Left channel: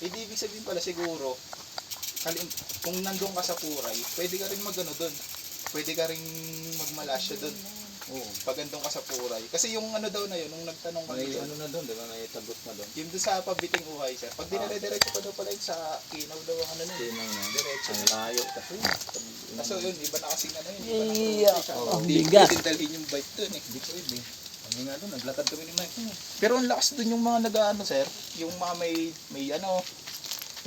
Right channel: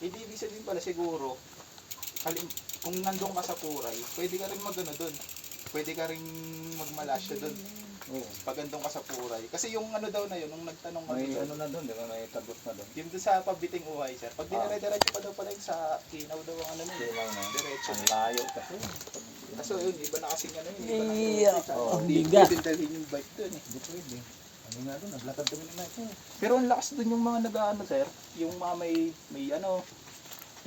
Hindi ibig sabihin pala siguro, kung nandun ka sa Puray, pwede ka rin magano doon. Pwede ka rin magmalasya doon. Oo. Pag andun ka sa Puray. Kasi yung ano daw na yun, nung nagtanong May kami doon, ano na doon, di ba? May tabot na doon. yung doon sa Pabiting Uhay sir, pag dinala-diretso pa daw pala yun sa Kinaw daw ang ano nun. Kinaw na. Diretso. Ang layo kasi. Kaso yun, iba na kasing ano yun, iba na Iya, ang Hindi bigat. pwedeng dalhin yung bike doon eh. Hindi pwede. Kami nga doon, naglakad kami ni Mike. Pero ang lakas doon yung mga nag-ano sir, yung mga may ano,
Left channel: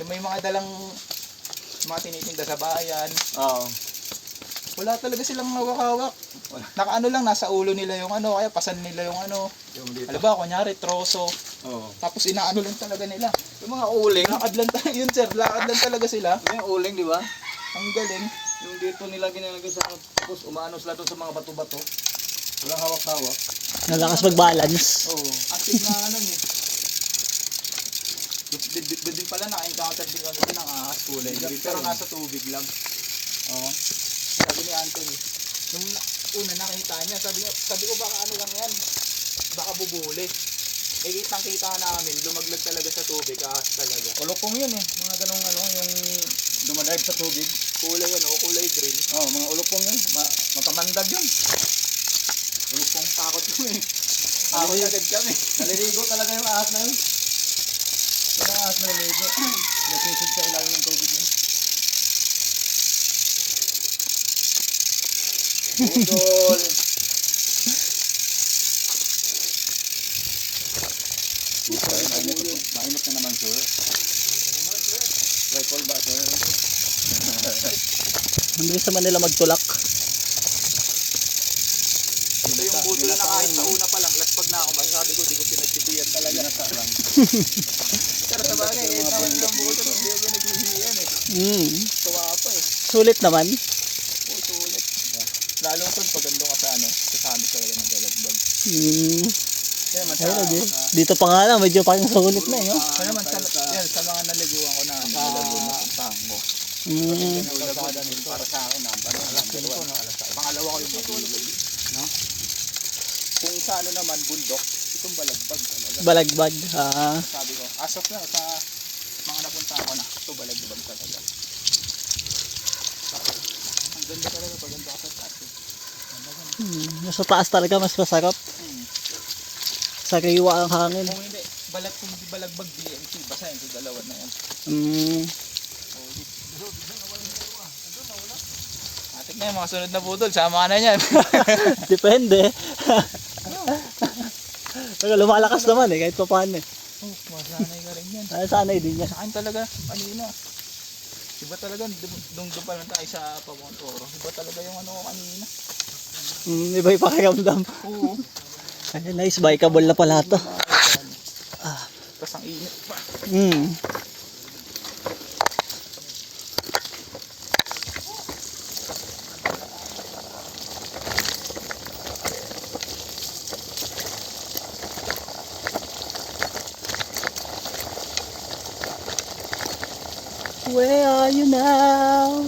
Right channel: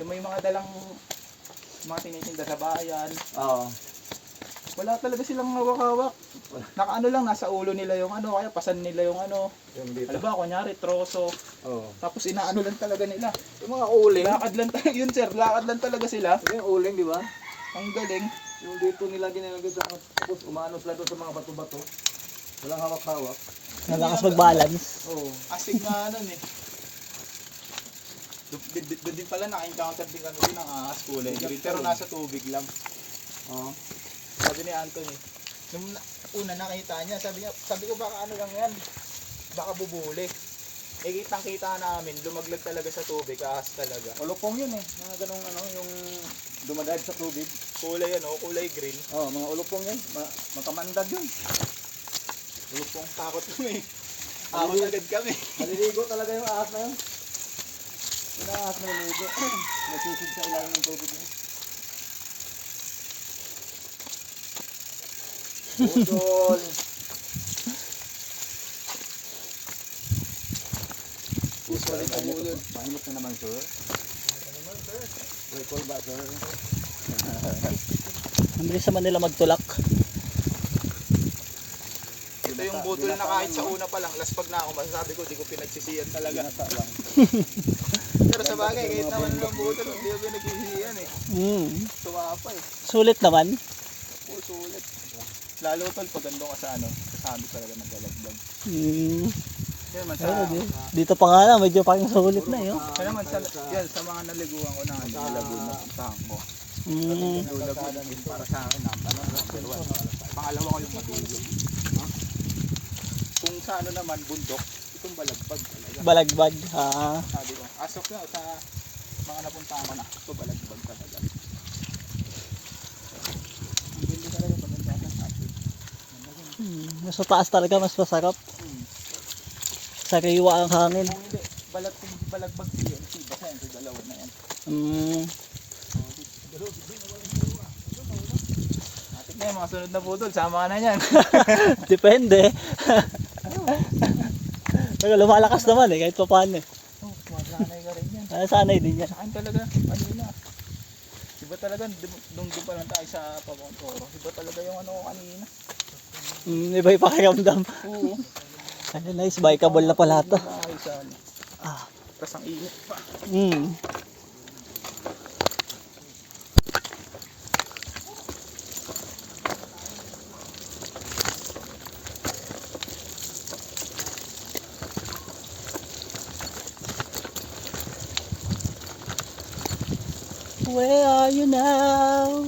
yung may mga dalang mga tinitinda sa bayan. Oo. Wala talaga silang hawak-hawak. Wala. Nakaano lang, nasa ulo nila yung ano, kaya pasan nila yung ano. Yung dito. Ano ba, kunyari, troso. Oo. Tapos inaano lang talaga nila. Yung mga uling. Lakad lang talaga, yun sir, lakad lang talaga sila. Yung uling, di ba? Ang galing. Yung dito nila ginalagay sa tapos umaano sila doon sa mga bato-bato. Walang hawak-hawak. Nalakas mag-balance. Oo. Active na ano eh. Doon din pala na-encounter din kami din ang ahas kulay green. Pero nasa tubig lang. Oo. Sabi ni Anthony, nung una nakita niya, sabi ko baka ano lang yan, baka bubuli. Eh kitang-kita namin, lumaglag talaga sa tubig, ahas talaga. Ulupong yun eh. Mga ganong ano, yung dumadive sa tubig. Kulay ano, kulay green. Oo, mga ulupong yun. Matamandag yun. Ulupong takot kami. Takot agad kami. Naliligo talaga yung ahas na yun. Yung ahas na naliligo. Nasisid sa ilalim ng tubig yun. Budol. Mainit na naman sir. May call ba sir? Ang bilis naman nila magtulak. Ito yung budol na kahit sa una pa lang, laspag na ako, masasabi ko, di ko pinagsisiyan talaga. Ginasa lang. Pero sa bagay, kahit naman ng budol, hindi ko pinagsisiyan eh. Tuwa pa eh. Sulit naman. Sulit. Lalo tol, pag andun ka sa ano, sasabi talaga ng galagbag. Kaya man sa, Dito pa nga lang, medyo parang sulit na eh. Oh. kaya man sa mga naliguan ko na nalagyan na puntahan ko. Mm. Para sa akin na, pangalawa ko yung matulog. No? Kung sa ano naman, bundok, itong balagbag talaga. Balagbag. Sabi ko, as of now, sa mga napuntahan ko na, ito balagbag talaga. Ang ganda talaga pag ang sa taas. Sa taas talaga mas masarap. Sariwa ang hangin. Kung hindi balagbag PMC, basahin ko dalawa na yan. Atik na yung mga sunod na budol, sama ka na yan. Depende. Pero lumalakas naman eh, kahit pa paano eh. Masanay ka rin yan. Sanay din yan. Sa akin talaga, kanina. Iba talaga, doon pa lang tayo sa Pamontoro. Iba talaga yung ano ko kanina. Iba yung pakiramdam. Oo. Ay, nice, bikeable na pala ito. Tapos ang init pa. Where are you now?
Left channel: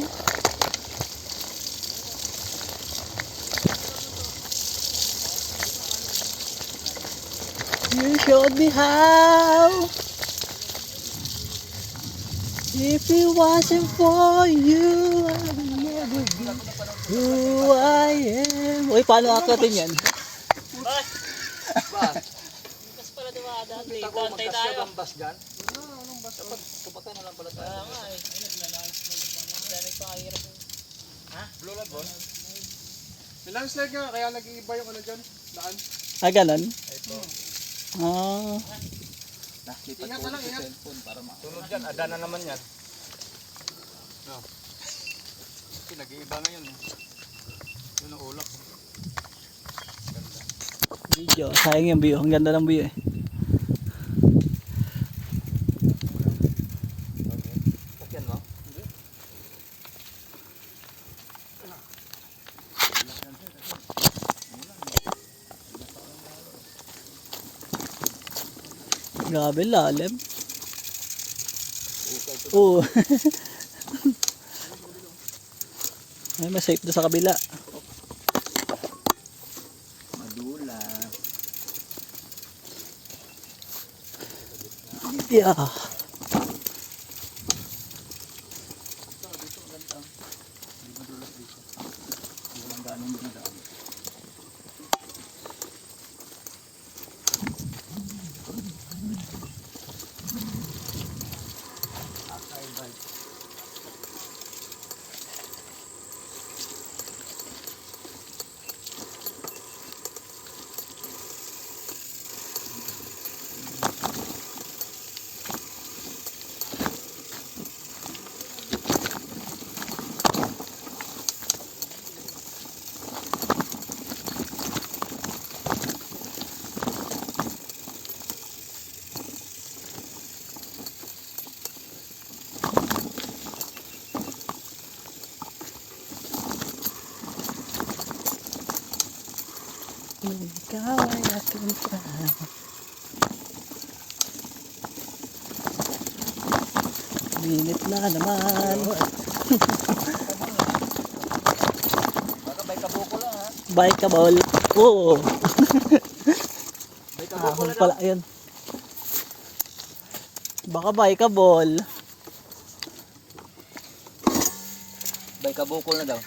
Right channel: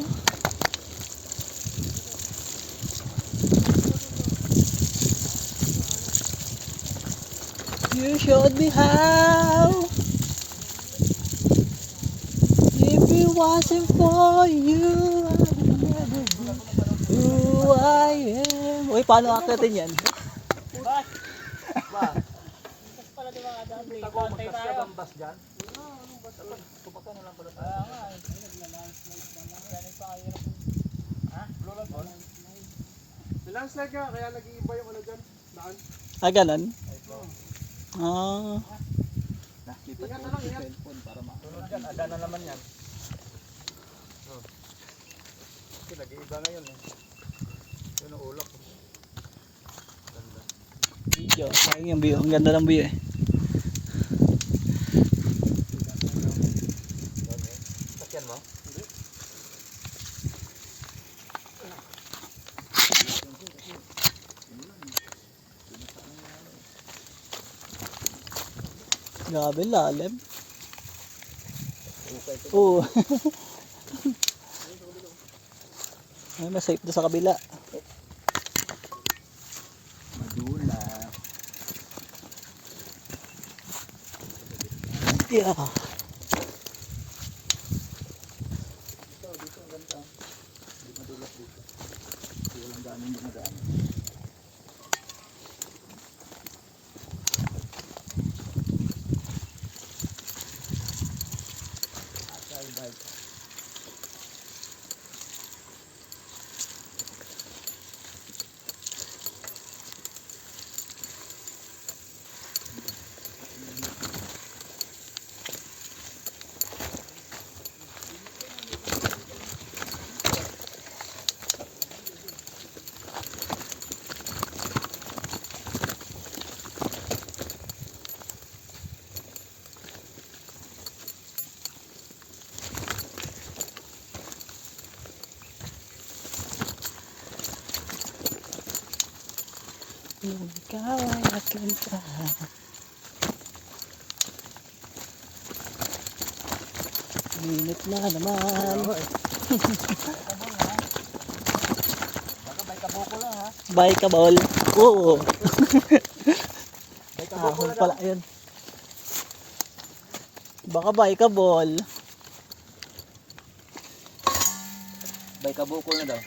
You showed me how. If it wasn't for you, I would never be who I am. Uy, paano akitin yan? Bas pala dumadaan dito. Kontay tayo. Bas dyan? Anong bas? Tumakay na lang pala tayo. Kaya nga eh. Dami pa kahirap. Lolan Ball. May landslide nga, kaya nag-iiba yung ano dyan, daan. Ganon? Nakita Ingat ko na lang, yung ingat. cellphone para Sunod dyan, ada na naman yan. No. Kasi nag-iiba ngayon. Yun ang ulap. Video, sayang yung view. Ang ganda ng view eh. Sakyan mo? Grabe lalim. Oo. Ay, mas safe na sa kabila. Madula. Yeah. Ikaw ay aking tahan. Minit na naman. Baka bay kabuko lang ha. Bye ka, bol. Oo. Bay kabuko Ahon lang. pala yun. Baka bye ka, bol. Bay kabuko na daw.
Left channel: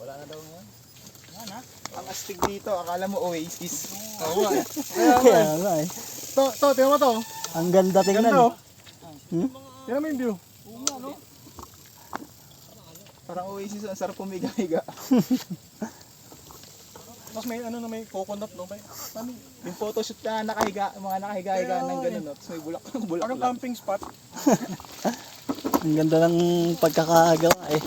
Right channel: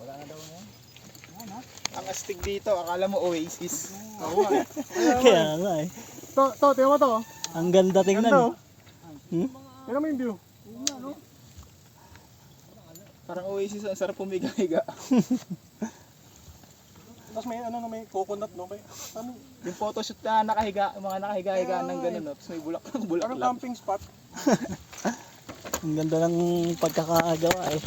Wala na daw ngayon. Ang astig dito, akala mo Oasis. Kaya nga eh. To, tingnan mo to. Ang ganda tingnan. Ganda, eh. Tingnan mo yung view. Parang Oasis, ang sarap pumiga-higa. Tapos may ano na may coconut no. Ano, Yung photoshoot na nakahiga, yung mga nakahiga-higa ng ganun, no? Tapos may bulak ano lang. camping spot? Ang ganda ng pagkakagawa eh.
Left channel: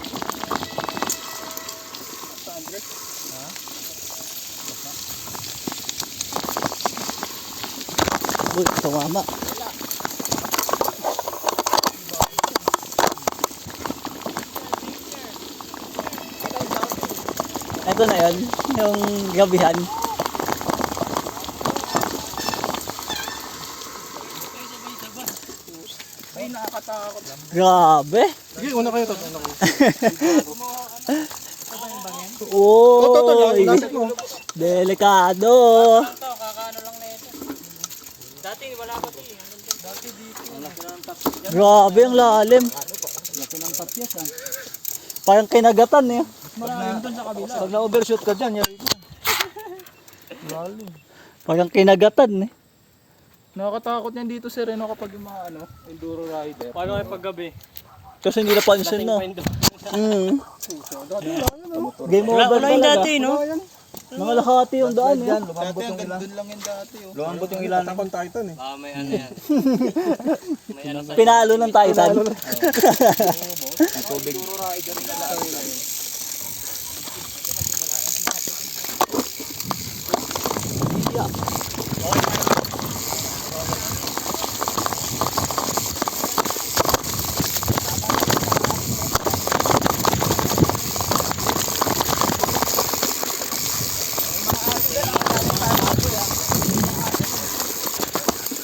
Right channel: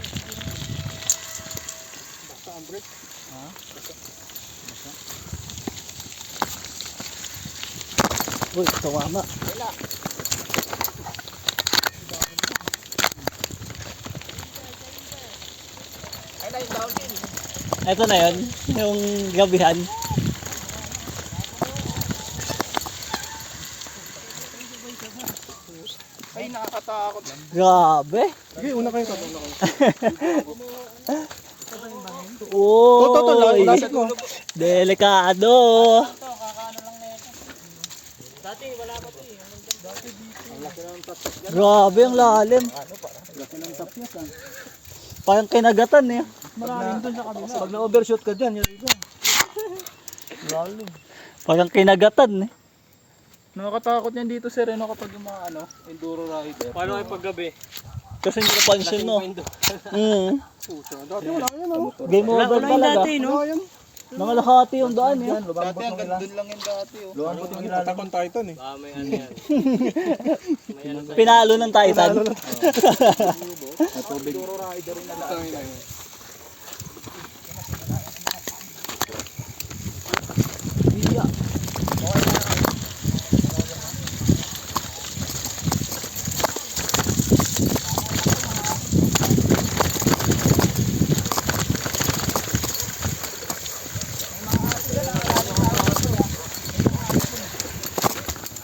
Sa Andres. Uy, tumama. Ito na yun, yung gabihan. Ay, nakakatakot. Grabe. Sige, una kayo to. Uy, Lapit mo. delikado. Ito, kakaano lang na ito. Dati wala pa ito eh. Dati dito. Grabe ang lalim. Parang kinagatan eh. Pag na-overshoot ka dyan, yari ko. Lalim. Parang kinagatan eh. Nakakatakot yan dito, sir, no, kapag yung mga enduro rider. Paano kayo paggabi? Kasi hindi napansin no. Dati na yan ano. Game over talaga. Wala yan. Mga lahati yung daan eh. Dati hanggang doon lang yung dati, oh. Lumambot yung ilalim. Attack on Titan eh. Ah, may ano yan. May ano sa Pinalo ng Titan. Enduro rider na lang.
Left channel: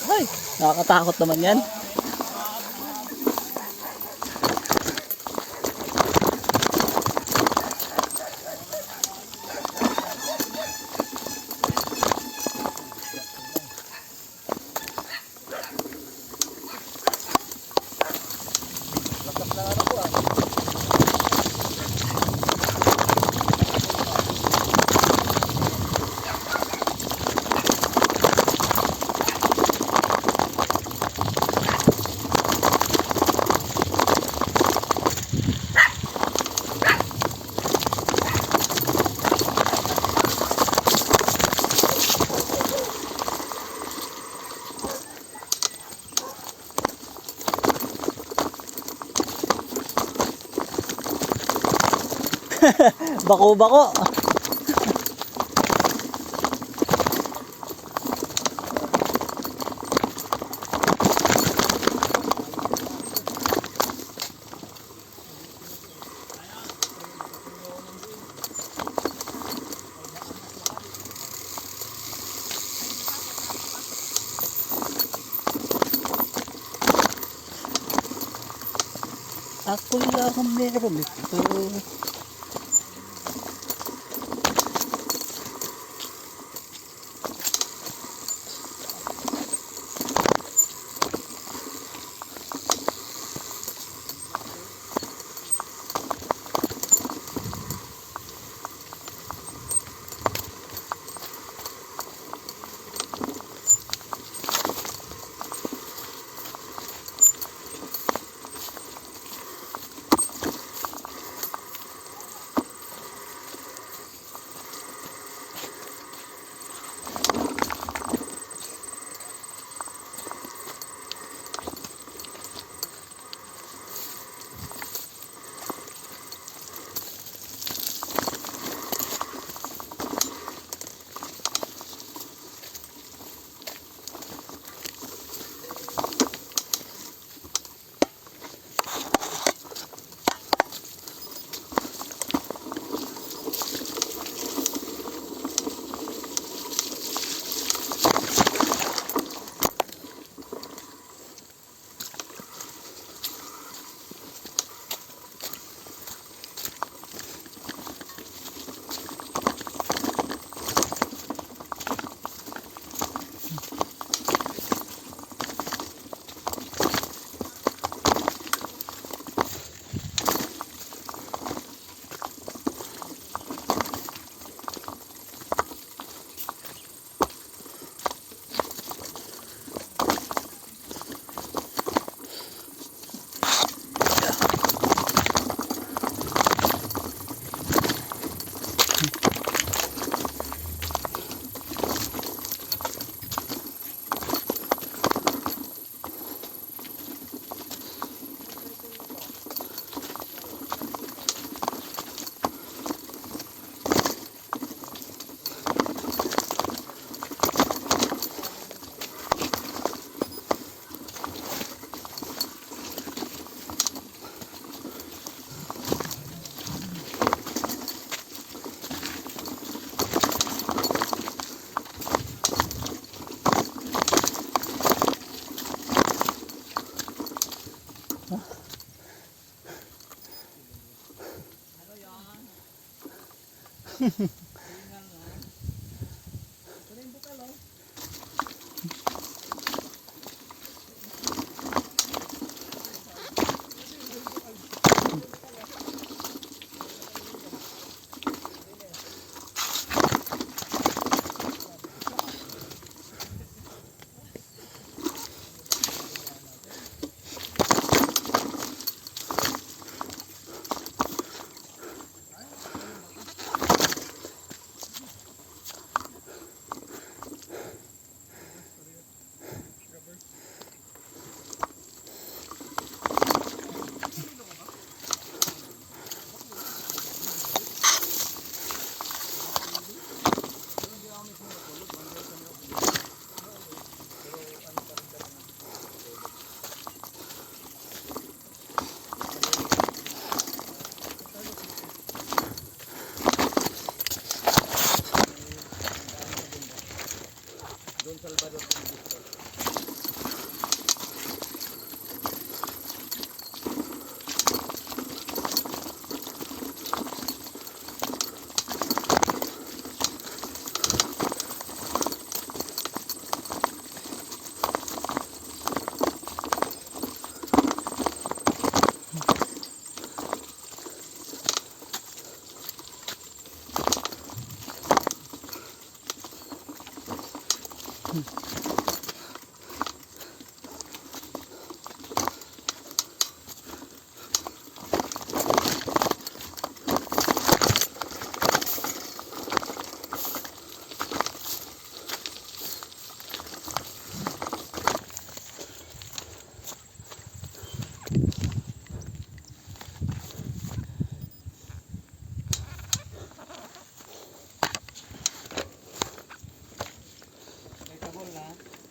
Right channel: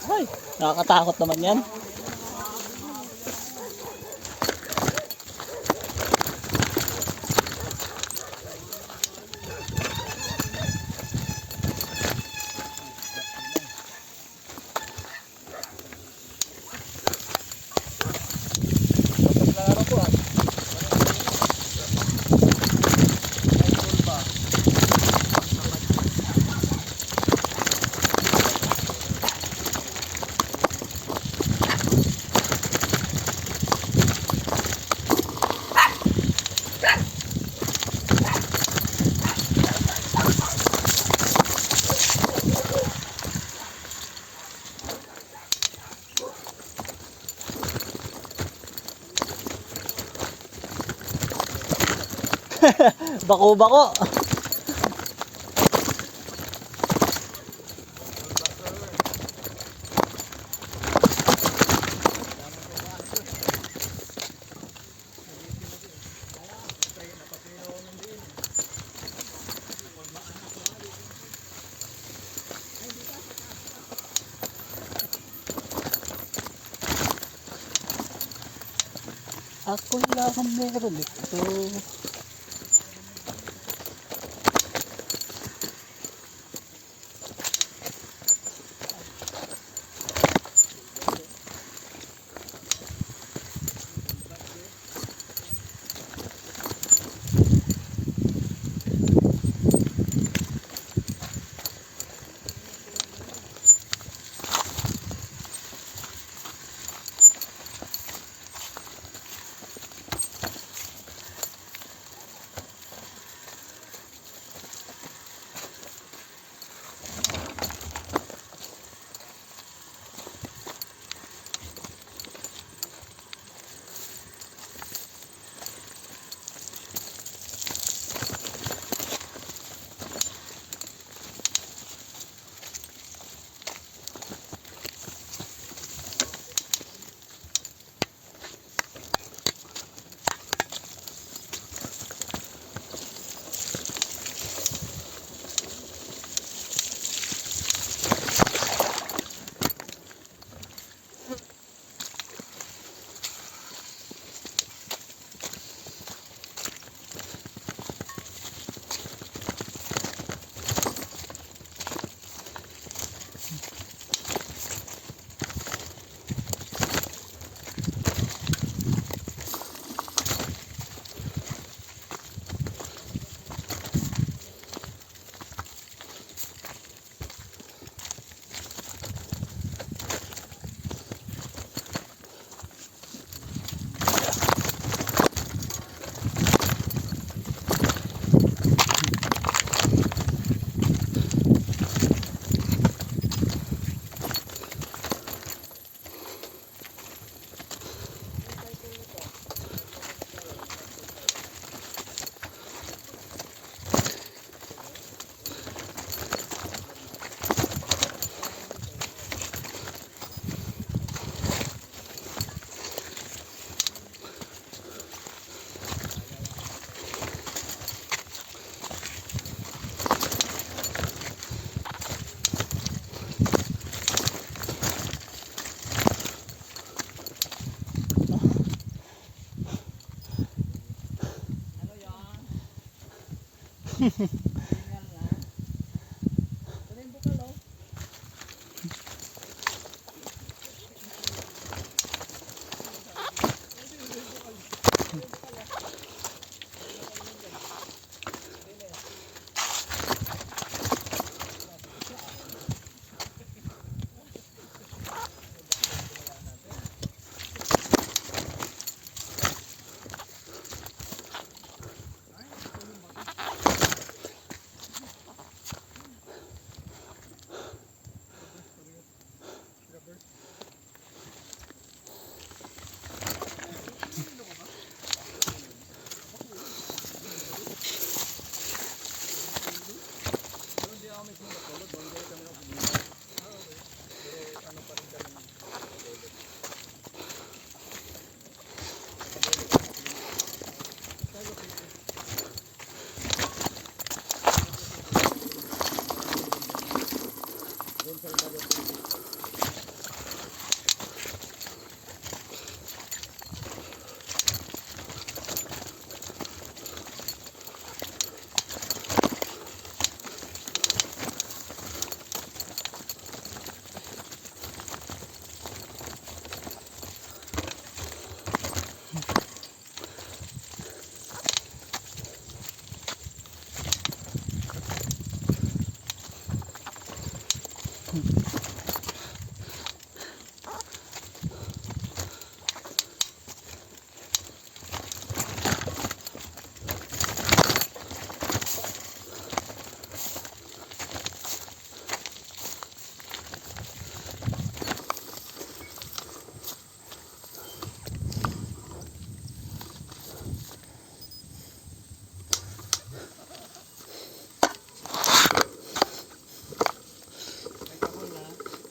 Ay, nakakatakot naman yan. Bako-bako. Ako lang ang meron ito.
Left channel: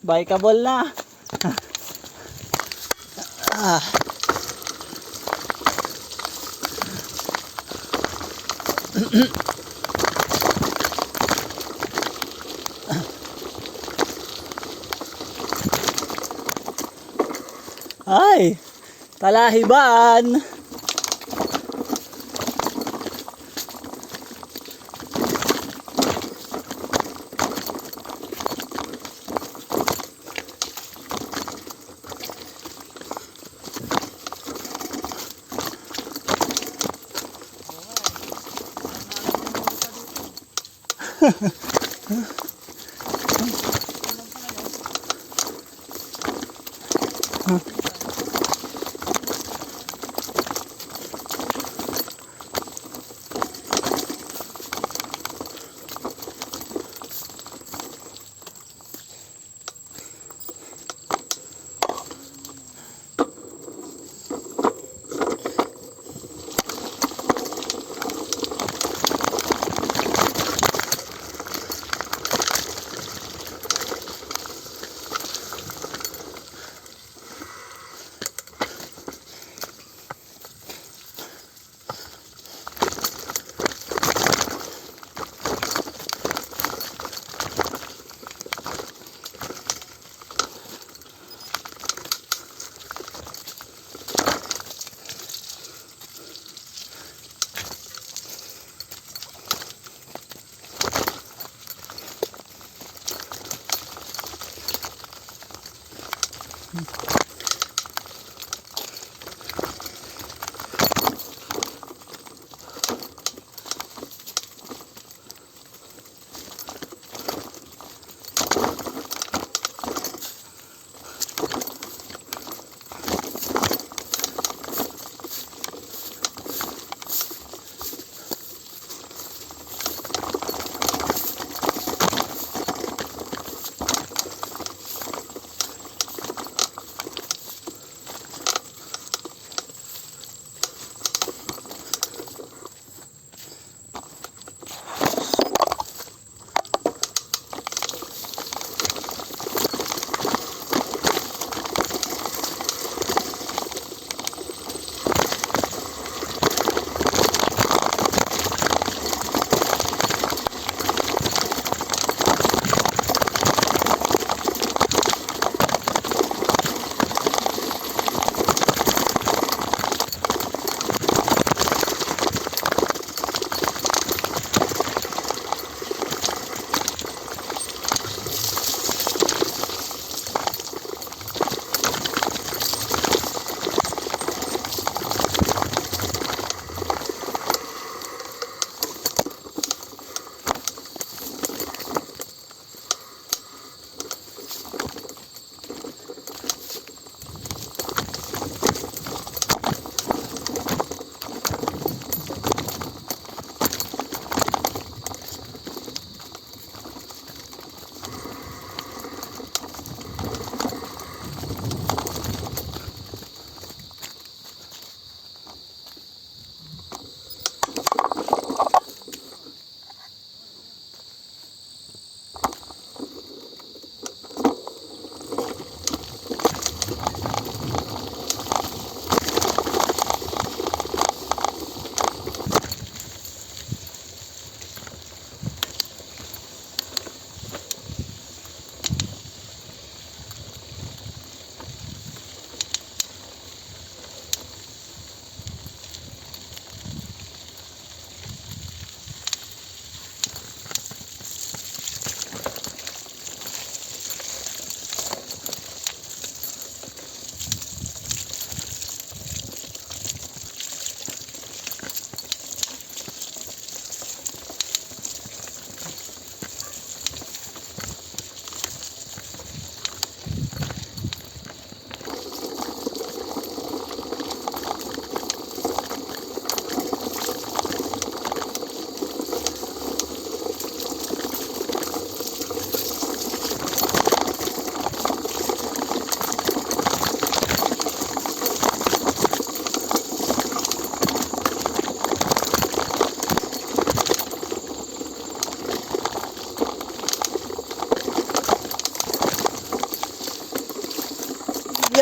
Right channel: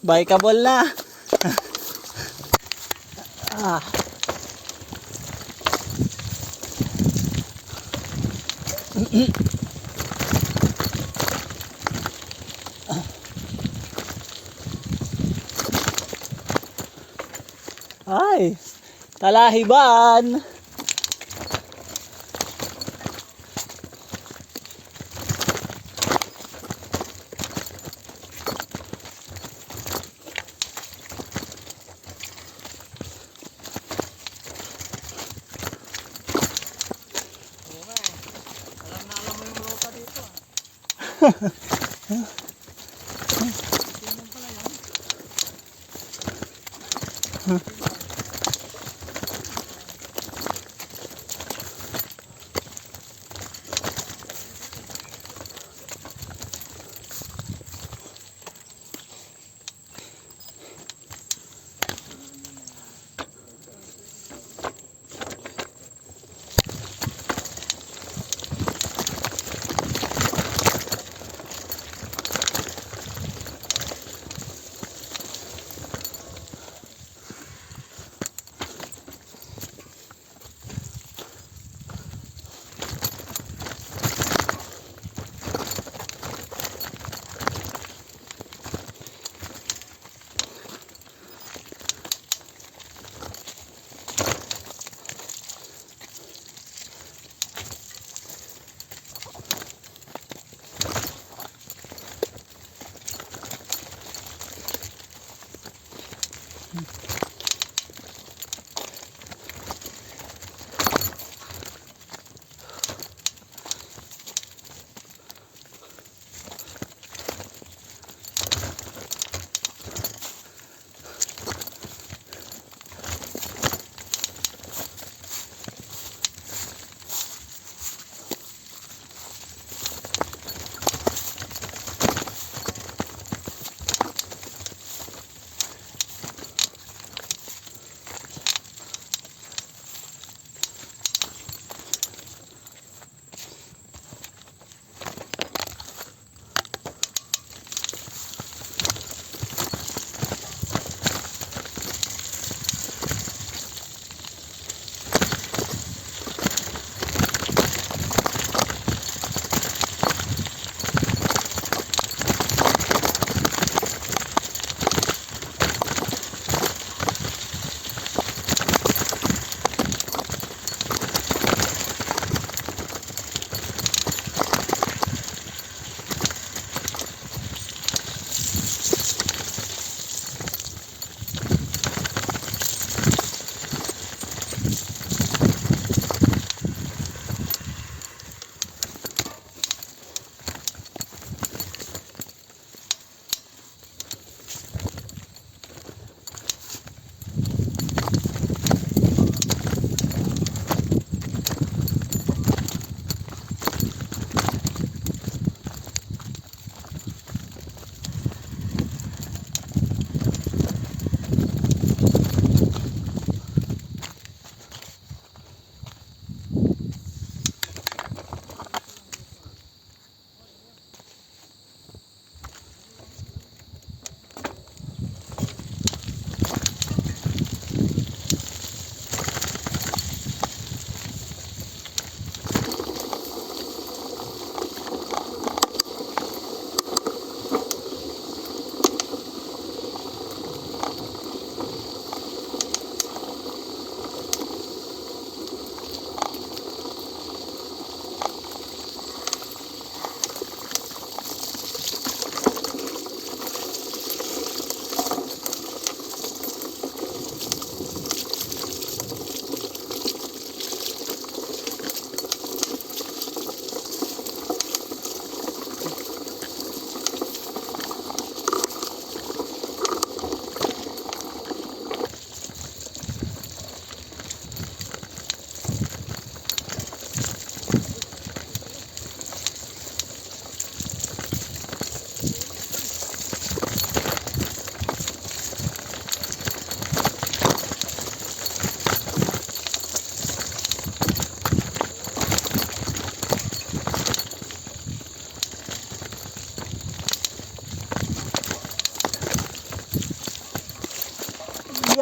Bikeable na. Ah. Ay, talahiban.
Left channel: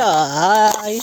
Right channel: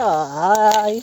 Ay.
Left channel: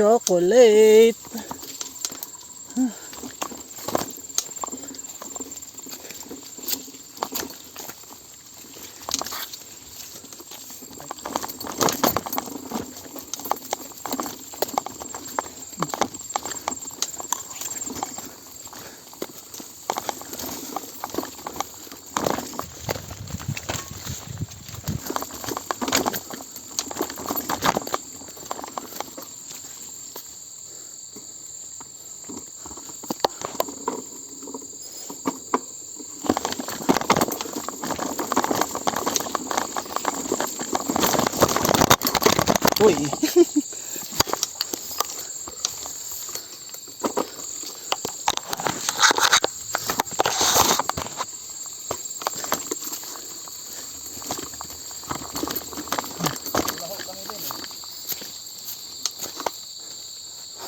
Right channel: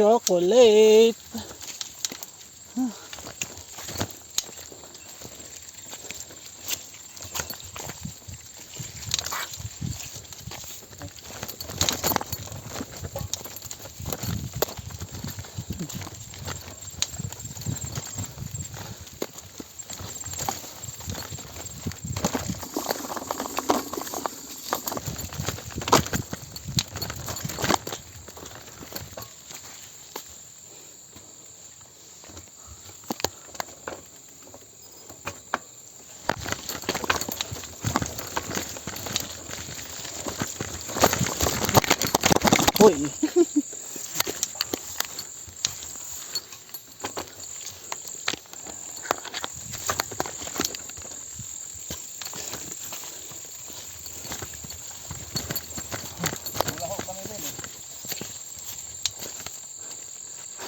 Chocolate. Uy.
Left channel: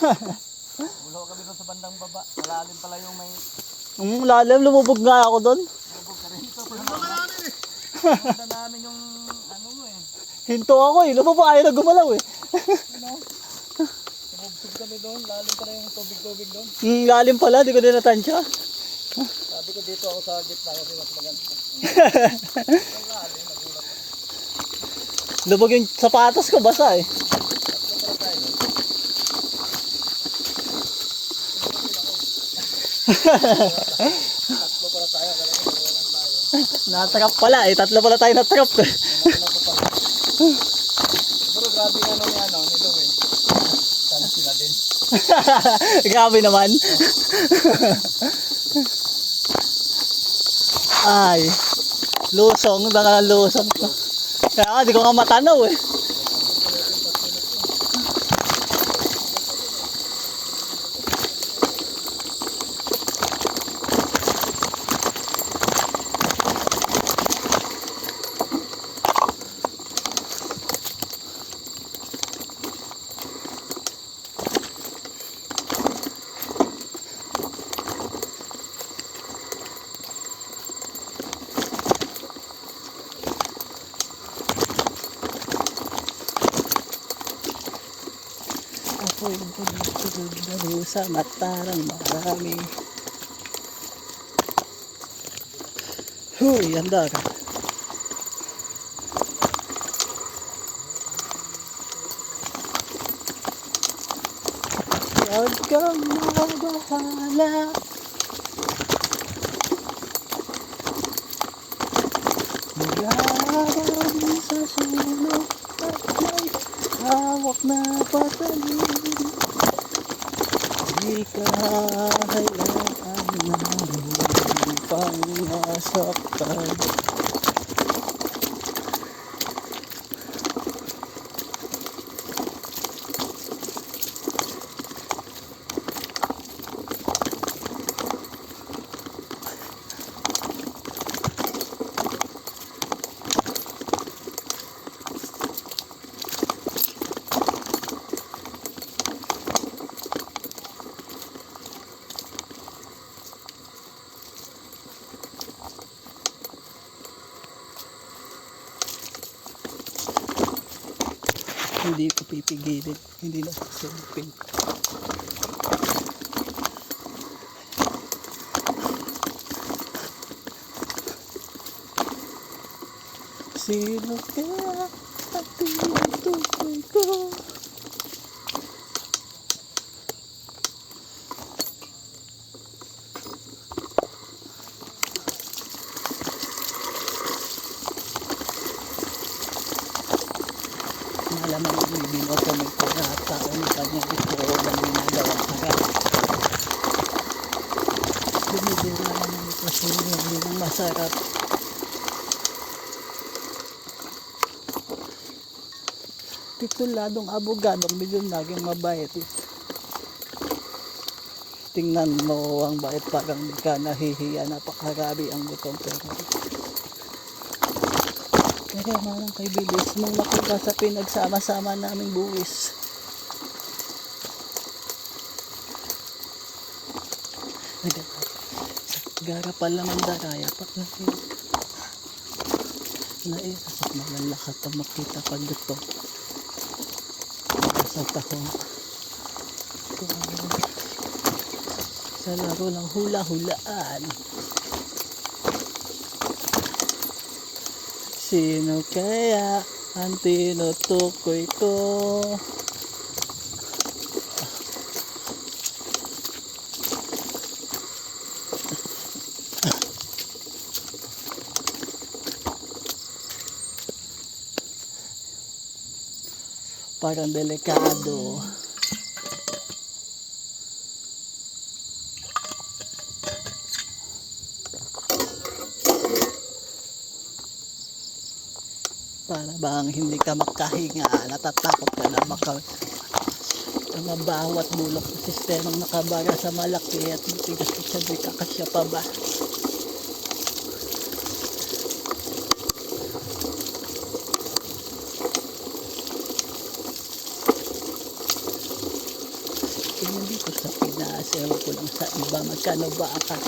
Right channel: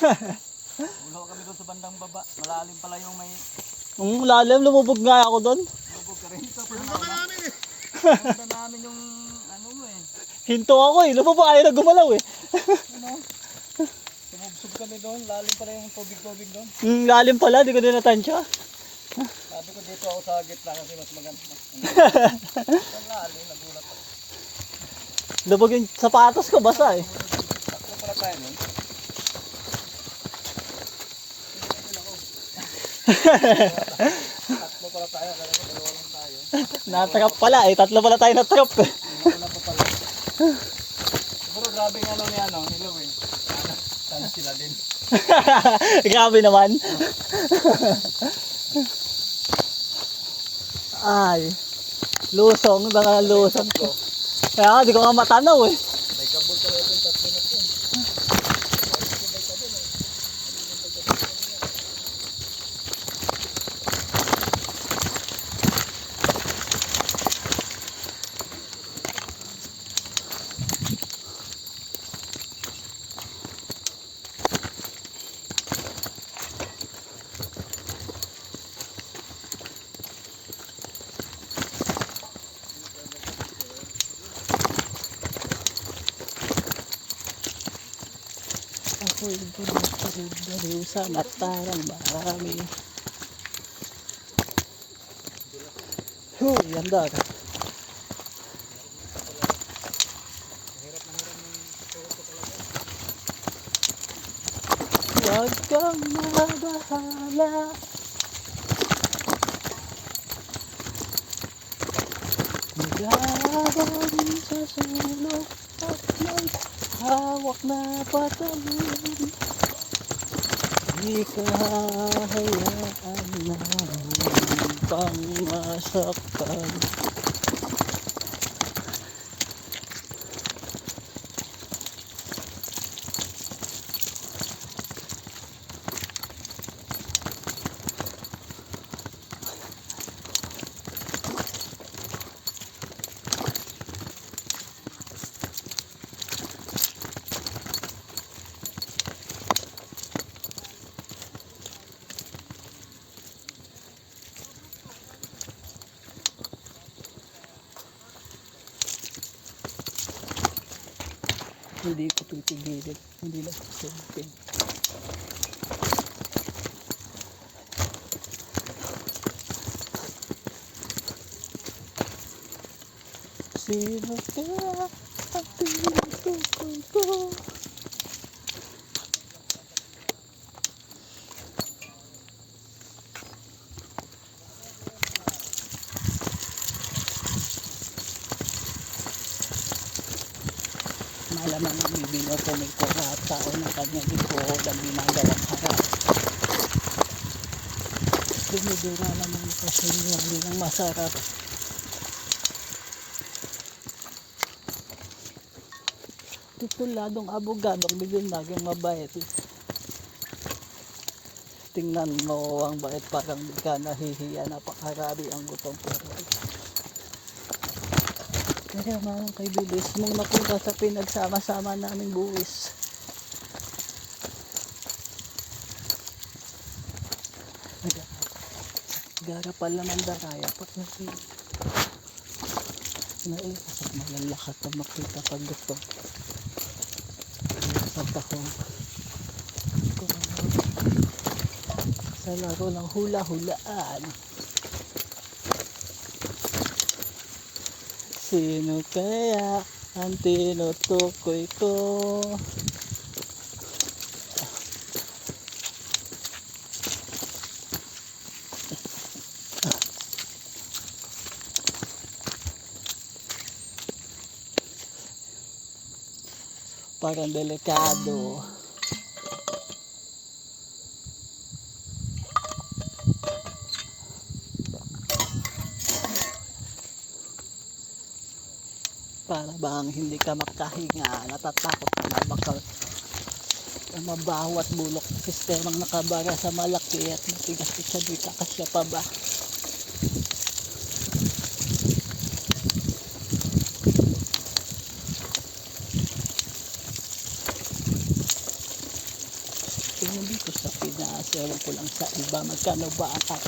Wala kami doon sa bandang baba. Malalim pala yung may Ang lalim, lumubog nga ako doon. lubog ka rin. Ito pinaganda namin yung ano mo eh. Hinto ako eh, lumubog ayaw na gumalaw eh. Sumubsub kami doon. Lalim pala yung tubig-tubig doon. Ang lalim pala, di ko din natansya. Sabi ko dito ako sa gitna kasi mas maganda. Ang lalim, nagulat ako. Lubog yung sapatos ko, basa eh. Tatlo pala tayo nun. Tatlo pala tayo. Kala ko dalawa lang tayo. Natrap pala eh, tatlo pala tayo natrap eh. Nagulat ko pala. Pero grabe nga ano ni ano, ni Louie. Sana sila din. Grabe naman. Ay, lusong, lusong. Kaya nga, di ko nga matanaw eh. Ako'y bulog sa matarang marami. Huy, andar. Huwag kang mabahala. Mayroon sa sulok at may hawak na patalim. Di ka hayaan na pang masaktan. Hindi ko pipigilin. Hindi na sasabihin. Sino kaya ang tinutukoy ko? Malamang bibinoto ng lahat tao ng kanyang gusto o ng ginagawa harap. Binibira naman ito sa inyo, hindi nang masarap. Tituladong abogadong bigyan naging mabait. Tingnan mo ang bait, parang di ka nahihiya, napakarami ang butong pero. Kaya mo kay Bilis, nung napunta sa pinagsama-sama naming buwis. Garapal naman daraya pag naiisip malalakat ang makita pag ito. Sa bakong sa laro ng hula-hulaan. Sino kaya ang tinutukoy ko? Parang delikado. Para bang hindi ka makahinga, natatakot ka na ang mabaho at bulok ng sistemang nakabara sa malaki at matigas at sabita kasya pa ba? Hindi ko sa Pinas, ewan ko lang sa iba, magkano ba akat?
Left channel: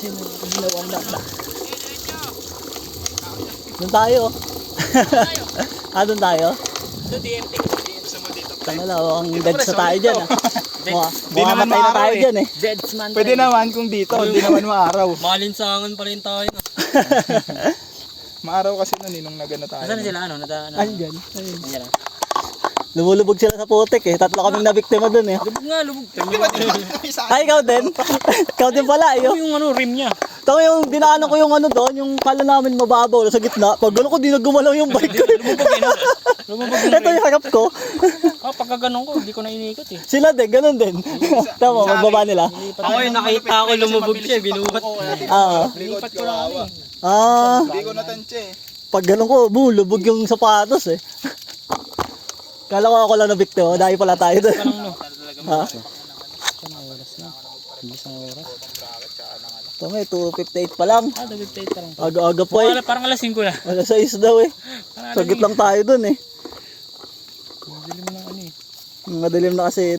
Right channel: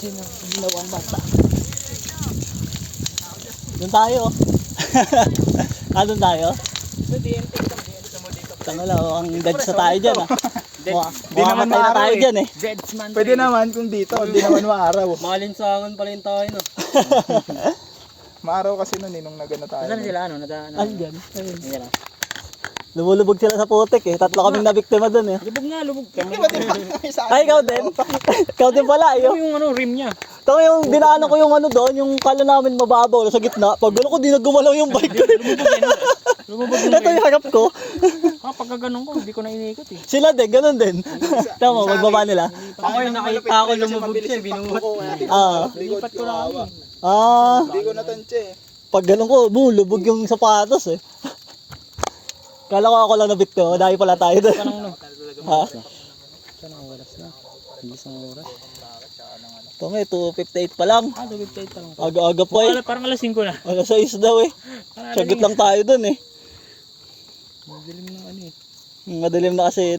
Sino ginawang mata? Doon tayo. Doon tayo? So, DMT. Tangala, ang dead sa tayo dyan Mamamatay na tayo dyan Deadsman. Pwede naman kung dito, hindi naman maaraw. Malinsangan pa rin tayo, no? Maaraw kasi nun nung nagano tayo. Saan sila, ano? Andyan. Ayan. Lumulubog sila sa putik Tatlo kaming nabiktima dun Lubog nga, lubog. Ay, ikaw din? Ikaw din pala, Yung ano, rim niya. Ito yung dinaanan ko yung ano doon, yung kala namin mababaw sa gitna. Pag gano'n ko, di na gumalaw yung bike ko. Lumubog Ito yung harap ko. pagka ganun ko, hindi ko na inikot eh. Sila din, ganun din. Tama, magbaba nila. Ako yung nakita ko lumubog siya, binuhat. Likod ko awa. Hindi ko natansya Pag gano'n ko, lubog yung sapatos Kala ko ako lang na biktima, dahil pala tayo doon. Ha? Saan ang oras na? Bilis ang oras. Ito nga, 2:58 pa lang. Nag-update ka lang. Aga-aga pa Parang alas 5 na. Alas 6 daw Sagit lang tayo doon Madilim na ano Madilim na kasi